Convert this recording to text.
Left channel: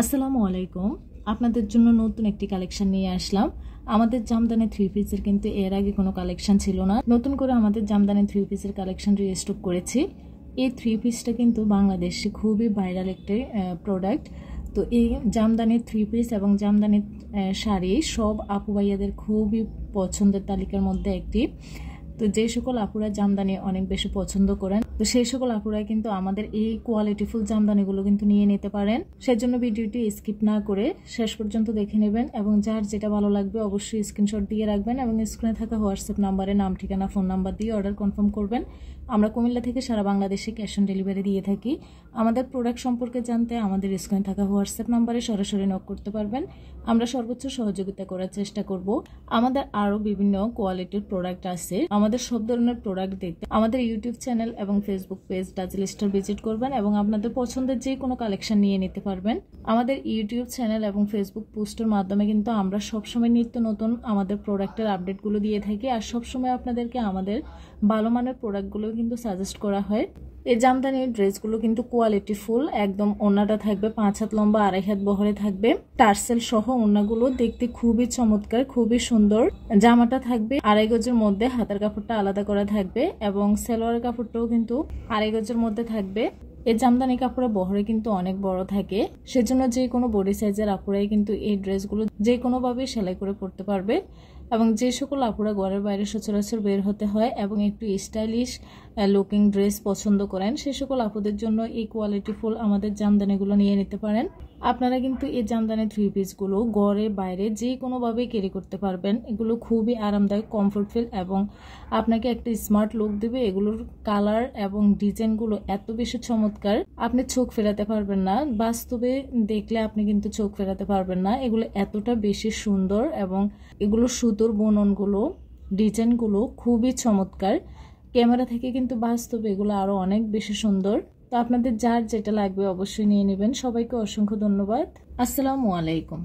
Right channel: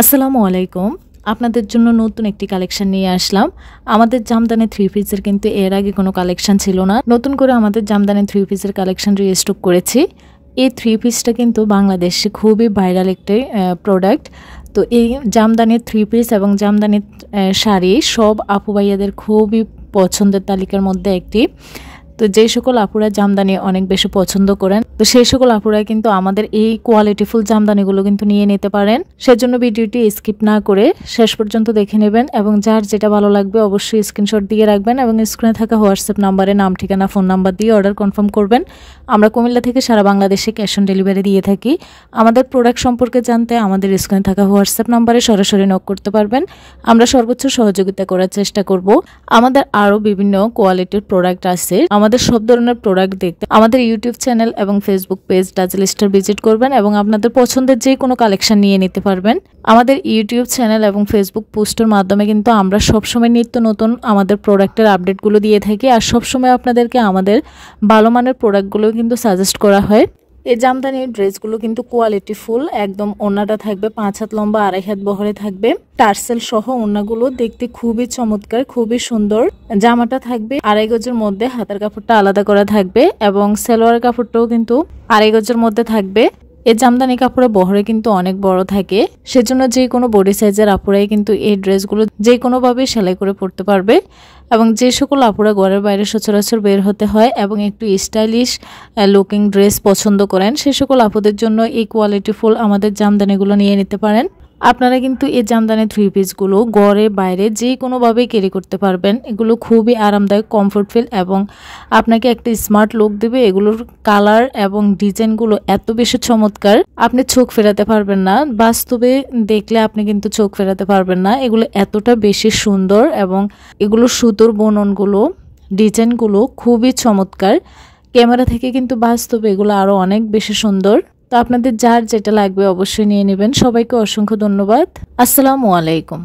আসসালামু আলাইকুম। আপনাদের জন্য নতুন একটি কালেকশন নিয়ে আসলাম। আমাদের জামদানি থ্রি পিসের কিন্তু এর আগে কোনো কালেকশন ছিল না। নতুন করে আমাদের জামদানি থ্রি পিসের কালেকশন রিস্টক করেছি। এই থ্রি পিসটা কিন্তু বাংলাদেশে খুবই ভাইরাল একটি প্রোডাক্ট। তো এই জামদানির থ্রি পিস এবং জামদানির শাড়ি সব আপু ভাইয়াদের খুবই পছন্দের তালিকার মধ্যে একটি। তো যে সকল আপুরা জামদানি অনেক বেশি পছন্দ করেন, তো সেই সকল আপুরা কিন্তু আমাদের এই কোয়ালিটিফুল জামদানিগুলো কিন্তু নিয়ে নিতে পারেন। সেজন্য ভিডিওটি স্কিপ না করে শেষ পর্যন্ত দেখে নেবেন এবং যার যেটা ভালো লাগবে অবশ্যই স্ক্রিনশট দিয়ে রাখবেন এবং স্ক্রিনে থাকা হোয়াটসঅ্যাপ নাম্বারে নাম, ঠিকানা, ফোন নাম্বার দিয়ে অর্ডার কনফার্ম করবেন। আমরা কুমিল্লা থেকে সারা বাংলাদেশে ক্যাশ অন ডেলিভারি দিয়ে থাকি। আমাদের প্রোডাক্ট সম্পর্কে জানতে আমাদের স্ক্রিনে থাকা হোয়াটসঅ্যাপ নাম্বারে সরাসরি নক করতে পারবেন। আমরা সর্বোচ্চ সহযোগিতা করার চেষ্টা করব। আমাদের আরও বিভিন্ন কোয়ালিটির প্রোডাক্ট আছে। আমাদের সব ধরনের প্রোডাক্ট দেখতে আমাদের ইউটিউব চ্যানেল এবং Facebook page dazzle star visit করবেন এবং আপনাদের পছন্দের যে কোনো কালেকশন নিয়ে নিতে পারবেন। আমাদের ইউটিউব চ্যানেল এবং ফেসবুক পোস্টের মাধ্যমে কিন্তু আমরা সবসময় নিত্য নতুন আমাদের প্রোডাক্টের আপডেটগুলো দিয়ে থাকি আর সবসময় আপনাদেরকে আমাদের ভালো মানের প্রোডাক্টগুলো কিন্তু সাজেস্ট করা হয়। এই জামদানির ড্রেসগুলো কিন্তু কোয়ালিটি ফুল, একদম ওড়নাটা থাকবে 5 হাত লম্বা, 2.5 হাত বহরে থাকবে। টার্সেল সহ ওড়নাগুলো দেখতে খুবই চমৎকার, খুবই সুন্দর। জামাটা থাকবে 2.5 গজের মধ্যে, হাতের কাপড়টা আলাদা করা থাকবে এবং সালোয়ার কাপড়টাও কিন্তু 2.5 গজের মধ্যে থাকবে। এই জামদানি কাপড়ের বহরে কিন্তু অনেক বড় থাকে, সেজন্য যে কোনো বডি সাইজের আপুরাই কিন্তু এই ড্রেসগুলো যে কোনোভাবে সেলাই করে পরতে পারবে। এবং যে সকল আপুরা ঘরের বাইরে সচরাচর বের হতে হয় এবং একটু স্টাইলিশ লুকিং ড্রেস পছন্দ করেন, সে সকল আপুদের জন্য এই কোয়ালিটিফুল আমাদের জামদানিগুলো নিয়ে নিতে পারেন। আপনারা কিন্তু এই জামদানি থ্রি পিসগুলো ঘরে বাইরে যে কোনোভাবেই ক্যারি করতে পারবেন। এগুলো খুবই আরামদায়ক, কমফোর্ট ফিল এবং আপনাকে একটা স্মার্ট লুক দেবে। এগুলোর কালার এবং ডিজাইনগুলো এত বেশি চমৎকার, আপনি চোখ ফেরাতে পারবেন না। বাস্তবে দেখলে আপনি কিন্তু চোখ ফেরাতে পারবেন না। এগুলো এতটা বেশি সুন্দর এবং এগুলো সুতোর বুননগুলো, ডিজাইনগুলো খুবই চমৎকার। ক্যামেরা থেকে কিন্তু বাস্তবে এগুলো আরও অনেক বেশি সুন্দর। তো আপনাদের যার যেটা লাগবে অবশ্যই নিয়ে নেবেন। সবাইকে অসংখ্য ধন্যবাদ। আসসালামু আলাইকুম।